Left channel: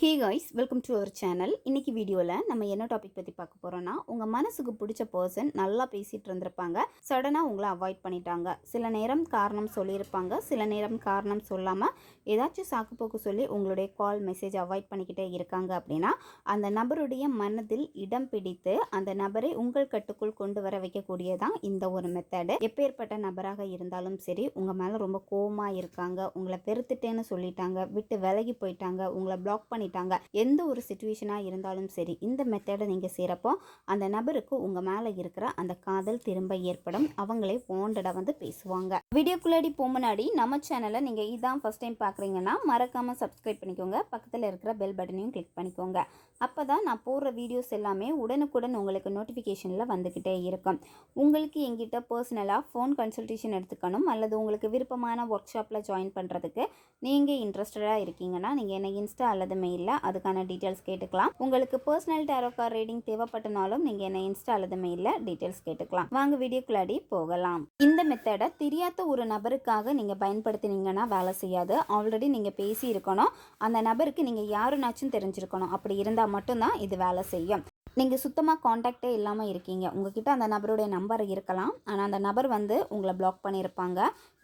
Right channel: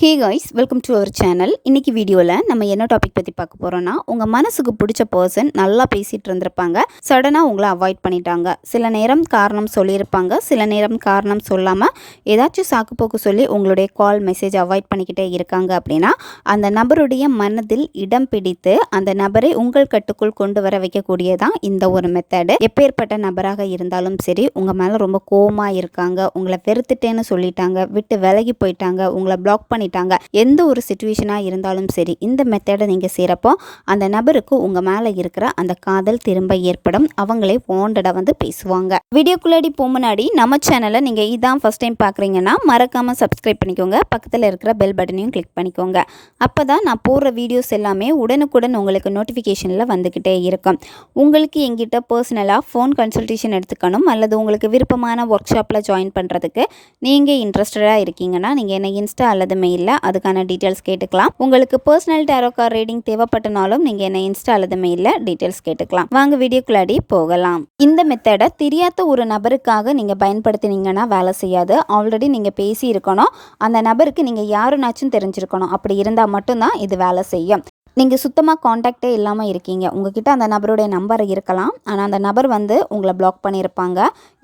Hey guys welcome to our channel இன்றைக்கி வீடியோவில் நம்ம என்ன டாபிக் பற்றி பார்க்க போகிறோன்னா உங்கள் மனசுக்கு பிடிச்ச பர்சன் நல்லா பேசிகிட்டு இருந்திருப்பாங்க. சடனாக உங்களை அவாய்ட் பண்ணிட்டாங்க. சில நேரம் காரணம் சொல்லியிருப்பாங்க. சில நேரம் காரணம் சொல்லாமல் ஏதாச்சும் சாக்குப்போக்கு சொல்லி உங்களுடைய கால் மெசேஜ் அவாய்ட் பண்ணிக்கிட்டே இருக்காங்க அப்படின்னா அந்த நபருடைய மனதில் இடம் பிடித்து அந்த நபரை உங்கள் கட்டுக்குள் கொண்டு வர வைக்கக்கூடியதான் இந்த ஒரு மெத்தடு எப்பேற்பட்ட நபராக இருந்தாலும் சரி உங்கள் மேலே ரொம்ப கோவமாக இருக்காங்க. உங்களை வெறுத்துட்டேன்னு சொல்லிட்டாங்க. விட்டு விலகி போயிட்டாங்க. உங்களை பிளாக் பண்ணிட்டாங்க. எந்த ஒரு சுச்சுவேஷனாக இருந்தாலும் சரி இந்த மெத்தடை நீங்கள் செய்கிறப்போ அந்த நபருக்கு உங்கள் மேலே இருக்கிற அந்த காதல் திரும்ப ஏற்படும். அவங்களே வாண்டடாக வந்து பேசுவாங்க. வீடியோக்குள்ளாடி போக முன்னாடி நம்ம சேனலை நீங்கள் இதான் ஃபஸ்ட் டைம் பார்க்குறீங்கன்னா மறக்காமல் சப்ஸ்கிரைப் பண்ணிக்கோங்க. பக்கத்தில் இருக்கிற பெல் பட்டனையும் கிளிக் பண்ணிக்கோங்க. அப்போ தான் நான் போடுற வீடியோஸ் எல்லாமே உடனுக்குடன் உங்களுக்கு நோட்டிஃபிகேஷனில் வந்துக்கிட்டே இருக்கும். உங்களுக்கு எங்கிட்ட பர்சனலாக ஃபோன் கன்சல்டேஷன் எடுத்துக்கணும் அல்லது உங்களுக்கு விருப்பமான ஒர்க் ஷாப்பில் ஜாயின் பண்ணுறதுக்கு நீங்கள் இன்ட்ரெஸ்டடாக இருக்கீங்கன்னா நீங்கள் என்னை இன்ஸ்டா அல்லது மெயில் இல்லை அதுக்கான டீட்டெயில்ஸ் கேட்டுக்கலாம். உங்களுக்கு பர்சனல் டேரோ கார் ரீடிங் தேவைப்பட்டனாலும் நீங்கள் என்ன இன்ஸ்டா அல்லது மெயிலில் டீட்டெயில்ஸ் கேட்டுக்கலாம். வாங்க வீடியோக்குள்ளாடி போகலாம். இந்த மெத்தடை தெரியாத ஒரு நபருக்காக நீங்கள் பயன்படுத்தினீங்கன்னா வேலை செய்யாது. ஆல்ரெடி நீங்கள் பேசியிருக்கணும். அந்த நபருக்கு நீங்கள் யாருனாச்சும் தெரிஞ்சிருக்கணும். அப்படி இருந்தால் மட்டும்தான் இது வேலை செய்யும். நீங்கள் சுத்தமாக காண்டாக்டே இல்லாமல் இருக்கீங்க. உங்ககிட்ட அந்த நபருடைய நம்பர் இருக்கலாம். ஆனால் அந்த நபர் வந்து உங்களை பிளாக் பண்ணியிருப்பாங்க.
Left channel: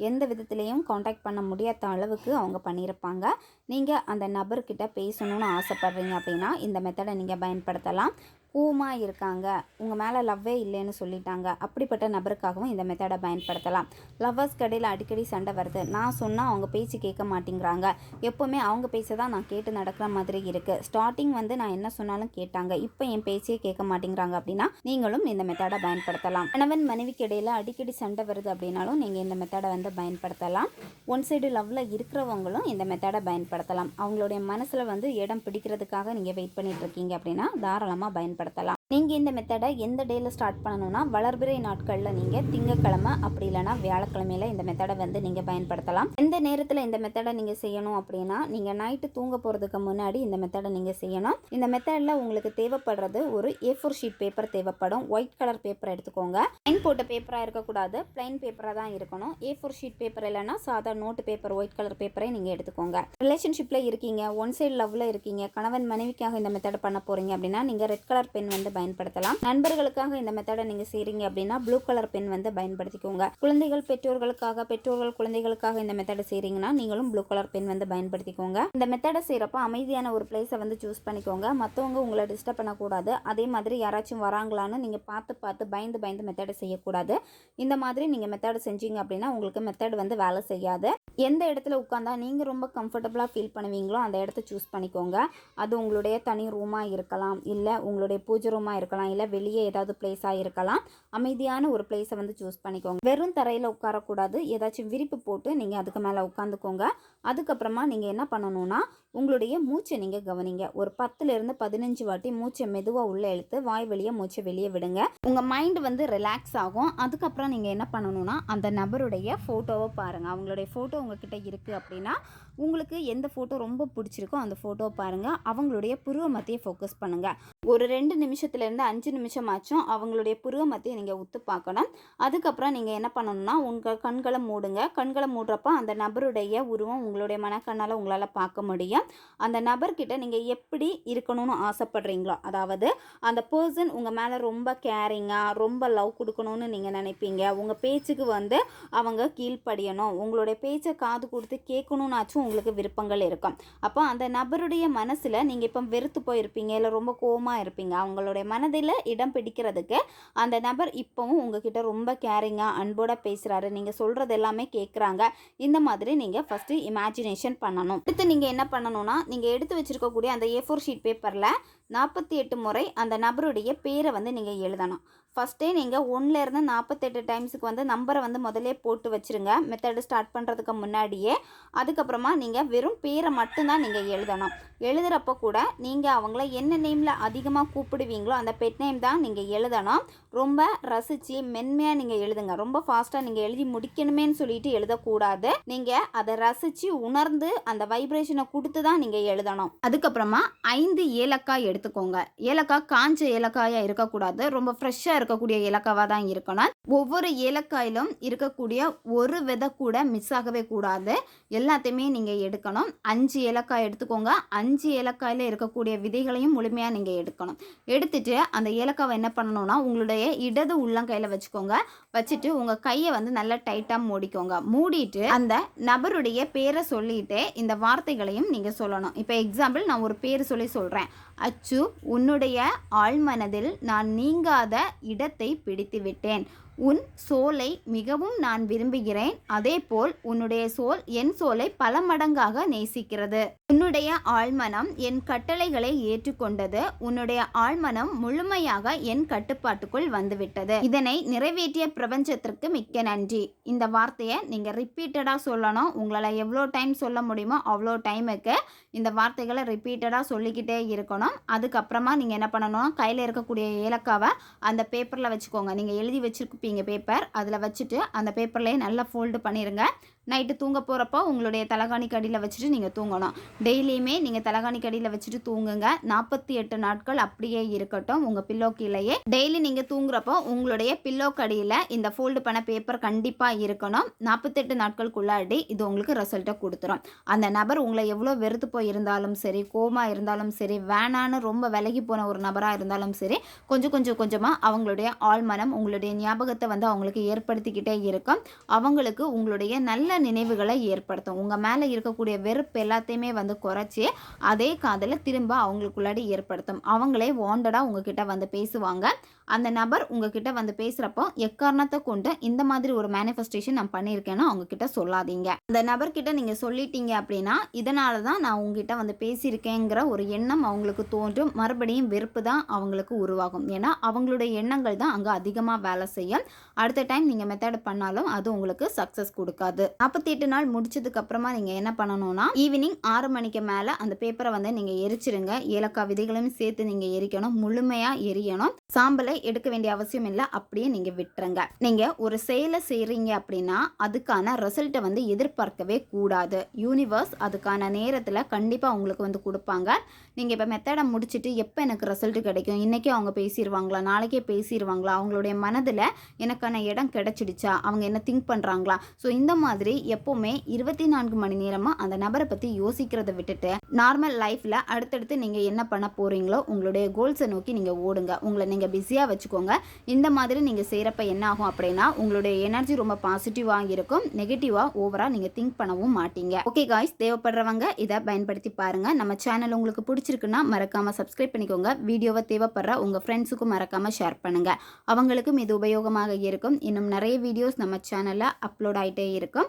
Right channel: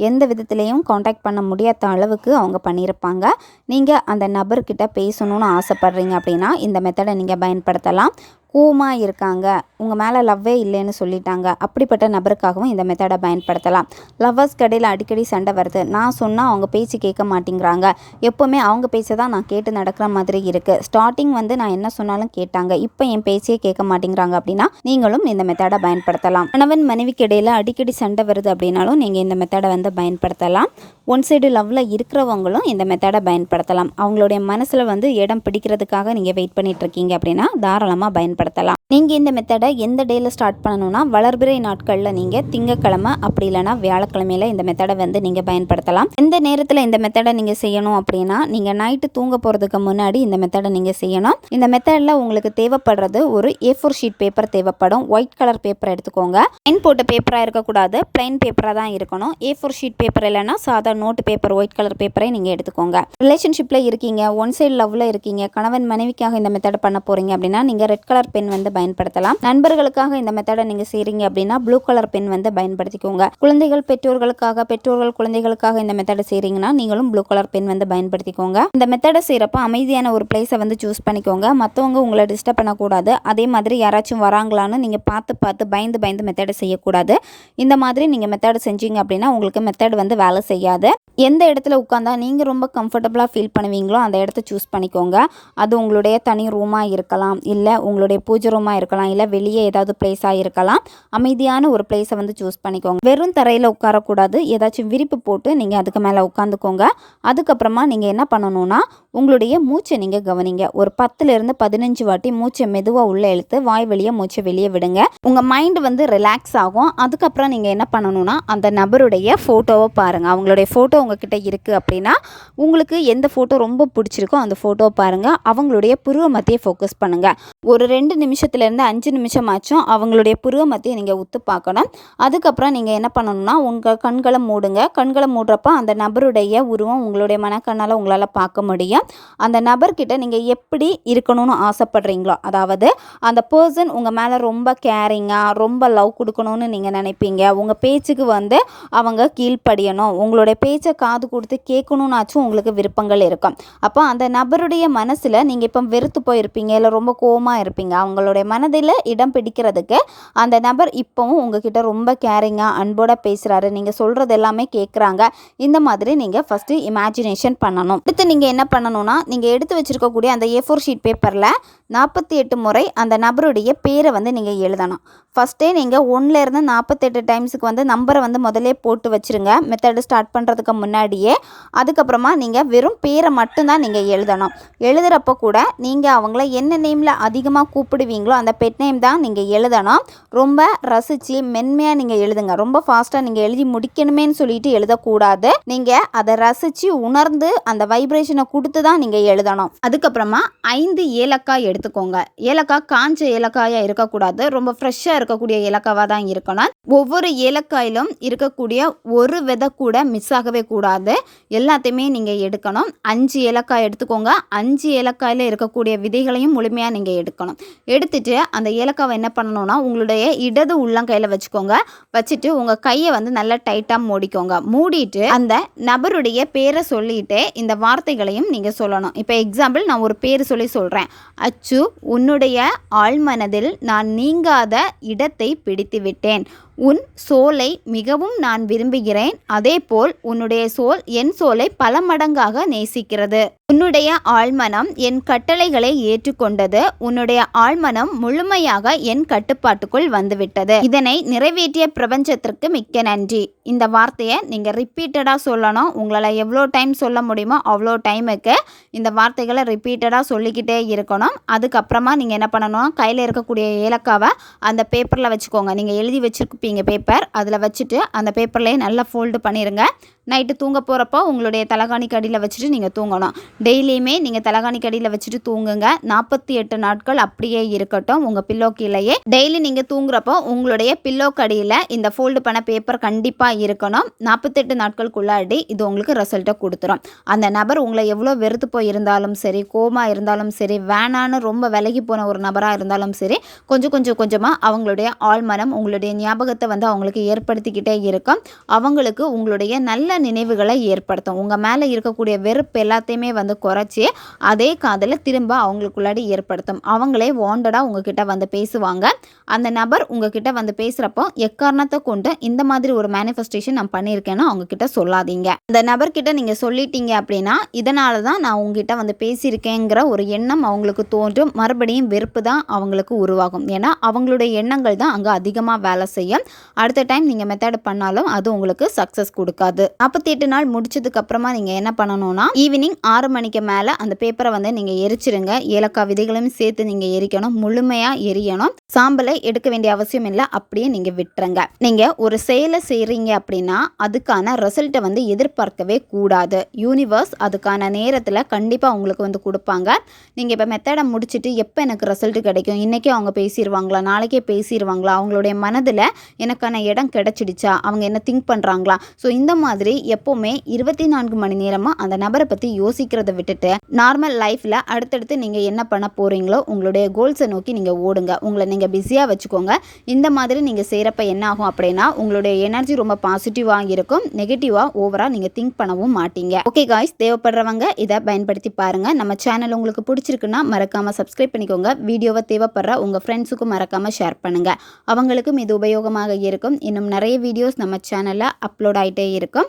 எந்த விதத்துலேயும் காண்டாக்ட் பண்ண முடியாத அளவுக்கு அவங்க பண்ணியிருப்பாங்க. நீங்கள் அந்த நபர்கிட்ட பேசணும்னு ஆசைப்பட்றீங்க அப்படின்னா இந்த மெத்தடை நீங்கள் பயன்படுத்தலாம். கூமாக இருக்காங்க. உங்கள் மேலே லவ்வே இல்லைன்னு சொல்லிட்டாங்க. அப்படிப்பட்ட நபருக்காகவும் இந்த மெத்தடை பயன்படுத்தலாம். லவ்வர்ஸ் கடையில் அடிக்கடி சண்டை வருது. நான் சொன்னால் அவங்க பேச்சு கேட்க மாட்டேங்கிறாங்க. எப்போவுமே அவங்க பேச்சை தான் நான் கேட்டு நடக்கிற மாதிரி இருக்குது ஸ்டார்டிங் வந்து நான் என்ன சொன்னாலும் கேட்டாங்க. இப்போ என் பேச்சையே கேட்க மாட்டேங்கிறாங்க அப்படின்னா நீங்களும் இந்த மெத்தடை பயன்படுத்தலாம். கணவன் மனைவிக்கு இடையில் அடிக்கடி சண்டை வருது அப்படின்னாலும் நீங்கள் இந்த மெத்தடை வந்து பயன்படுத்தலாம். ஒன் சைடு லவ்வில் இருக்கிறவங்களும் இந்த மெத்தடை பயன்படுத்தலாம். அவங்களுடைய மனசில் வந்து இடம் பிடிக்கிறதுக்காக நீங்கள் வெயிட் பண்ணிகிட்ருக்கீங்க இருக்கீங்க அப்படின்னா தாராளமாக பயன்படுத்தலாம். நீங்கள் இந்த மெத்தடை எந்த டேயில் ஸ்டார்ட் பண்ணணும்னா வளர்பிறை நாட்களில் நீங்கள் திங்கக்கிழமை அப்படி இல்லைனா வியாழக்கிழமையில இந்த மெத்தடை வந்து நீங்கள் பயன்படுத்தலாம். எந்த நேரத்தில் இந்த மெத்தடை நீங்கள் செய்யணும் அப்படின்னா நீங்கள் நைட்டு தூங்க போகிறதுக்கு முன்னாடி இந்த மெத்தடை நீங்கள் செய்யணும். இந்த மெத்தடில் உங்களுக்கு தேவைப்படுறது ஒரு ஏ ஃபோர் ஷீட் பேப்பர் தேவைப்படும். ஒயிட் கலர் பேப்பர் எடுத்துக்கோங்க. லைன் போட்ட பேப்பராக இருக்கக்கூடாது. பிளைன் பேப்பராக தான் இருக்கணும். ஏ ஃபோர் ஷீட் பேப்பர் இல்லைனா சாதா நோட்டு பேப்பர் ஒயிட் கலர் பேப்பரை நீங்கள் எடுத்துக்கோங்க. ரிலேஷன்ஷிப்பில் இருக்கீங்க ஒன் சைடு லவ்வில் இருக்கீங்க கணவன் மனைவிக்காக இந்த மெத்தடை பண்ண போகிறீங்க அப்படின்னா நீங்கள் ரெட் கலர் பென் வந்து பயன்படுத்தலாம். நண்பர்களுக்காக இந்த மெத்தடை நீங்கள் செய்கிறீங்க அப்படின்னா ப்ளூ கலர் பென் வந்து பயன்படுத்திக்கோங்க. குழந்தைகள் பெற்றோர்களுக்காக பெற்றோர்கள் குழந்தைகளுக்காக இந்த மெத்தடை செய்கிறீங்கன்னா நீங்களும் ப்ளூ கலர் பென் வந்து பயன்படுத்திக்கோங்க. இந்த மெத்தடை செய்கிறப்ப அமைதியான ஒரு பிளேஸை வந்து சூஸ் பண்ணிக்கோங்க. மற்றவங்க உங்களை டிஸ்டர்ப் பண்ணக்கூடாது. அதே மாதிரி யாராச்சும் வராங்களான்னு நீங்கள் பார்த்து பார்த்து பயந்து பயந்து மெத்தடை செய்யக்கூடாது. இந்த மாதிரி நீங்கள் மெத்தடை செஞ்சீங்க அப்படின்னா உங்களுக்கு மெத்தட் வந்து வேலை செய்யாது. எந்த இடத்துல உட்காந்தா நீங்கள் ரொம்ப கம்ஃபர்டபுளாக ஃபீல் பண்ணுவீங்களோ அந்த இடத்த சூஸ் பண்ணிக்கோங்க. அது உங்களுடைய தனி ரூமாக இருக்கலாம். இல்லை உங்களுடைய பூஜை ரூமாக இருக்கலாம் இல்லை வெளியே ஏதாவது பிளேஸாக இருக்கலாம். அமைதியான ஒரு பிளேஸை வந்து சூஸ் பண்ணிக்கோங்க. வெறும் தரையில் உட்காரக்கூடாது. ஏதாச்சும் விரிப்பு போட்டு நீங்கள் அதுக்கு மேலே உட்காந்துக்கோங்க. அதுக்கப்புறமா நீங்கள் என்ன பண்ணணும்னா உங்களுடைய மூச்சை நீங்கள் கவனிங்க. ஒரு பத்துலேருந்து பதினஞ்சு வாட்டி மூச்சை மெதுவாக உள்ளே இழுத்து வாய் வெளியே மூச்சை வெளியே விடுங்க. உங்கள் மைண்டு வந்து ரிலாக்ஸ் ஆகும். அதுக்கப்புறம் நீங்கள் என்ன பண்ணணும்னா அந்த நபருடைய ஃபோட்டோவை பாருங்கள் அவங்களுடைய ஃபோட்டோ உங்ககிட்ட இருக்குது அப்படின்னா உங்களுக்கு எந்த ஃபோட்டோ ரொம்ப பிடிச்சிருக்கோ அந்த ஃபோட்டோவை பாருங்கள் அவங்களுடைய புருவ மத்தியை ஃபோக்கஸ் பண்ணுங்கள் ஒரு ரெண்டு நிமிஷத்துலேருந்து அஞ்சு நிமிஷம் ஆச்சும் அவங்களுடைய புருவ மத்தியை நீங்கள் உத்து பார்க்கணும். அதுக்கப்புறம் நீங்கள் என்ன பண்ணணும்னா உங்கள் கண்களை மூடுங்க. கண்களை மூடுறப்ப அந்த நபருடைய உருவம் உங்களுடைய மனக்கண்ணால் உங்களால் பார்க்க முடியும். அந்த நபர்கிட்ட நீங்கள் எப்படி இருக்கணும்னு ஆசைப்படுறீங்களோ அதாவது அந்த பர்சன் உங்கள் மேலே ரொம்ப கேரிங்காக ரொம்ப லவ் கொடுக்கணும்னு நீங்கள் நினைப்பீங்க. உங்கள் பேச்சுக்கு வந்து அவங்க கீழ்ப்படியணும். உங்களுடைய பேச்சை காது கொடுத்து கேட்கணுன்னாச்சும் உங்களுக்கு விருப்பங்கள் இருக்கும். அப்போ அந்த நபருடைய மனசில் நீங்கள் இப்போ வெறுத்து போயிருப்பீங்க இல்லை ரொம்ப கோவமாக இருப்பீங்க. அவங்களுடைய மனதில் இடம் பிடிக்கிறதுக்கு அந்த நபர் இப்போவும் உங்ககிட்ட ரொம்ப கேரிங்காக அன்போட பேசுகிறாரு நீங்கள் சொல்கிறது எல்லாமே கேட்குறாங்க இந்த மாதிரி நீங்கள் ஃபஸ்ட்டு இமேஜினேஷன் பண்ணணும். அடுத்து நீங்கள் என்ன பண்ணணும்? பண்ணணும்னா நீங்கள் எடுத்து வச்சுருக்கக்கூடிய அந்த ஏ ஃபோர் ஷீட் பேப்பரில் நாற்பத்தி எட்டு முறை அந்த நபருடைய பேரை வந்து நீங்கள் எழுதணும். ஃபஸ்ட்டே நீங்கள் ஒன்றுலேருந்து நாற்பத்தெட்டு டைம்ஸுக்கு வந்து நம்பரை வந்து முதலே போட்டு வச்சுருங்க. மெத்தடு ஸ்டார்ட் பண்ணுறதுக்கு முன்னாடியே. அதுக்கப்புறமா நீங்கள் வெறும் பேரை மட்டும்தான் நீங்கள் எழுதணும். எழுதுகிறப்ப கூட நீங்கள் அவங்கள என்ன நேமில் அதிகமாக கூப்பிடுவீங்களோ அந்த பெட் நேம் தான் நீங்கள் எழுதணும். ரொம்ப ரசித்து மென்மையாக நீங்கள் எழுதுங்க. ரொம்ப ஃபாஸ்ட்டாக நீங்கள் எழுதி முடிக்கணுமேன்னு சொல்லிட்டு எழுதக்கூடாது. நீங்கள் அதை ரசித்து உணர்ந்து அந்த வைப்ரேஷனை கொடுத்து தான் நீங்கள் எழுதணும். அதுக்கப்புறமா ஐந்து ஏலக்காய் எடுத்து எடுத்துக்கோங்க. ஏலக்காய் காஞ்ச ஏலக்காயாக இருக்கக்கூடாது. ரொம்ப ஃப்ரெஷ்ஷாக இருக்கக்கூடிய ஏலக்காவாக தான் இருக்கணும். ஒவ்வொரு ஏலக்காயிலும் இருக்கக்கூடிய ஒரு விதை கூட மிஸ் ஆகவே கூடாது. எல்லாத்தையுமே நீங்கள் எடுக்கணும். அஞ்சு ஏலக்காய் எடுத்துக்கோங்க. அஞ்சு ஏலக்காயில் இருக்கக்கூடிய விதைகளையும் முழுமையாக நீங்கள் எடுக்கணும். எடுத்துட்டு அந்த ஏலக்காவை என்ன பண்ணணும்னா உங்களுடைய இடது உள்ளங்கையில் வச்சுக்கோங்க. வச்சுட்டு உங்கள் கையை வந்து நல்லா டைட்டாக மூடிக்கோங்க. மூடிட்டு அந்த நபருடைய பேரை சொல்லிட்டு இந்த வார்த்தைகளையும் நீங்கள் சொல்லணும். இப்போ எக்ஸாம்பிள் நான் ஒரு பேர் சொல்லி சொல்கிறேன் அச் அச்சு உன்னுடைய ஆழ்மனதில் நான் நீங்காத இடத்தை பிடித்துவிட்டேன். உன் சோலை மிகவும் நான் விரும்புகிறேன். அதேபோல் உன்னுடைய சோல் என் சோலை பல மடங்காக நேசிக்கிறது. உன்னுடைய ஆழ்மனம் என் கட்டளைகளை ஏற்றுக்கொண்டது. உன்னுடைய ஆழ்மனம் முழுமையாக என் கட்டுப்பாட்டுக்குள் வந்துவிட்டது. இதனை நிறைவேற்றிய பிரபஞ்சத்திற்கு மிக்க நன்றி. இந்த வார்த்தையை நீங்கள் ரிப்பீட்டடாக சொல்லணும். உங்களால் எவ்வளோ டைம் சொல்ல முடியுமோ அவ்வளோ டைமுக்கு இந்த வார்த்தைகளை ரிப்பீட்டடாக சொல்லிக்கிட்டே இருக்கணும். அதுக்கப்புறமா நீங்கள் என்ன பண்ணணும்? கையில் இருக்கக்கூடிய ஏலக்காவை அந்த பேப்பரில் வச்சுக்கோங்க. நீங்கள் எழுதி வச்சிருப்பீங்க பேப்பர் அதில் வச்சுட்டு அந்த பேப்பர்லேயே நல்லா ஃபோல்டு பண்ணிடுங்க நைட்டு தூங்க போகிறப்போ உங்களுடைய தலகாணி கடியில் வச்சுட்டு நீங்கள் தூங்கணும். டெய்லியுமே நீங்கள் தலகாணி கடியில் வச்சுட்டு தூங்குங்க. நாற்பத்தி எட்டு நாட்கள் அப்படியே இருக்கட்டும். உங்கள் பில்லோ கீழேயே. டெய்லி நீங்கள் தூங்குறப்போ உங்களுடைய பில்லோ கடியில் இந்த ஃபோல்டு பண்ண பேப்பர் கண்டிப்பாக இருக்கணும். நாற்பத்தெட்டு நாட்களுக்குள்ளாடி இது உங்களுக்கு ரிசல்ட்டை கொடுத்துரும். அந்த நபர் உங்களை எவ்வளோ வெறுத்து போய் இருந்தாலும் சரி கோமா இருந்தாலும் சரி வேணான்னு ரொம்ப விலகி போன ஒரு நபராக இருந்தாலும் சரி கொஞ்சம் கொஞ்சம் கொஞ்சமாக அவங்களுடைய ஆழ்மனம் உங்களுடைய ஞாபகத்தை வந்து அவங்களுக்கு ஏற்படுத்திக்கிட்டே இருக்கும். அவங்களுக்கு உங்களுடைய நல்ல நினைவுகளை ஏற்படுத்தும். உங்கள் மேலே இருக்கக்கூடிய வெறுப்பு எல்லாத்தையுமே வந்து குறைச்சி அதே காதில் திரும்ப அவங்களுக்குள்ளாடி ஏற்படுத்தும். அவங்களே வாண்டடாக உங்ககிட்ட வந்து பேசுவாங்க. அந்த நபர் உங்ககிட்ட வந்து பேசுகிறப்போ எக்காரணத்தை கொண்டு இந்த மாதிரி ஒரு மேனிஃபெஸ்டேஷன் நான் பண்ணியிருக்கேன்னு அவங்கக்கிட்ட சொல்லாதீங்க. அந்த நபர்கிட்ட நீங்கள் சொல்லிட்டீங்க அப்படின்னா இதனால தான் நான் உங்ககிட்ட வந்து பேசியிருக்கேங்கிற ஒரு எண்ணம் அவங்களுக்கு தோன்றும். மறுபடியும் வெறுப்பு தான் அவங்களுக்கு உருவாகும். ஏன்னா அவங்களுடைய எண்ணங்கள் தான் அங்கே அதிகமாக வேலை செய்யும். அடுத்த டைம் நீங்கள் மெத்தட் பண்ணாலும் அது உங்களுக்கு சக்ஸஸ் கொடுக்காது. நாற்பத்தி எட்டு நாள் முடிச்சதுக்கு அப்புறமா நீங்கள் என்ன பண்ணணும்னா ஈவினிங் ஆறு மணிக்கு மேலே அந்த பேப்பரை வந்து நீங்கள் எரிச்சிருங்க. ஏலக்காய் விதைகளையும் சேர்த்து நீங்கள் எரிக்கணும். முழுமையாக எரியணும். சாம்பலை எடுக்க வேண்டிய அவசியம் இல்லை அப்படியே நீங்கள் விட்டுருங்க. நீங்கள் ஒரு செயலை செய்கிறீங்க அப்படின்னா அதுக்கான ரிசல்ட்டை வந்து எதிர்பார்க்கவே கூடாது. யூனிவர்ஸ் அதுக்கான நேரத்தில் கண்டிப்பாக உங்களுக்கு வந்து கொடுப்பாங்க. நீங்கள் இப்போ மெத்தடை முடிச்சுட்டு எப்போ எனக்கு ரிசல்ட் கிடைக்கும்? இன்றைக்கே அவங்க பேசிடுவாங்களா நாளைக்கே பேசிடுவாங்களா அவங்களுடைய மனதில் எனக்கான இடம் கிடைச்சிடுச்சா? அவங்க என்ன திங்க் பண்ணுறாங்களா ஸோ இந்த மாதிரி எப்போவுமே இருபத்தி நான்கு மணி நேரமாக அந்த நபரை பற்றி யோசிக்கிறத விட்டுட்டு நார்மல் லைஃப்பில் அடுத்தடுத்து நீங்கள் என்ன பண்ண போகிறீங்களோ உங்களுடைய கோல்ஸை நோக்கி நீங்கள் ஓடுங்க. உங்களை நீங்கள் பிஸியாக வச்சுக்கோங்க. இந்த மாதிரி நீங்கள் செய்கிறப்ப என்ன ஆகும் அப்படின்னா உங்களுடைய எனர்ஜி ரொம்ப பாசிட்டிவாக இருக்கும். நெகட்டிவாக ஓவராக நீங்கள் திங்க் பண்ணவும் மாட்டீங்க. ஓகே காய்ஸ் தேவைப்படுறவங்க இதை பயன்படுத்தி பாருங்கள் நம்ம சேனல் உங்களுக்கு பிடிச்சிருக்குன்னா மறக்காமல் சப்ஸ்கிரைப் பண்ணிக்கோங்க. வீடியோவை தேவைப்படுற உங்கள் ஃப்ரெண்ட்ஸுக்கும் மறக்காமல் ஷேர் பண்ணுங்கள் அவங்களுக்கும் இது உபயோகமாக இருக்கும். இன்னும் நிறைய வீடியோஸ் நம்ம சேனலில் அப்லோட் ஆகிட்டே இருக்கும்.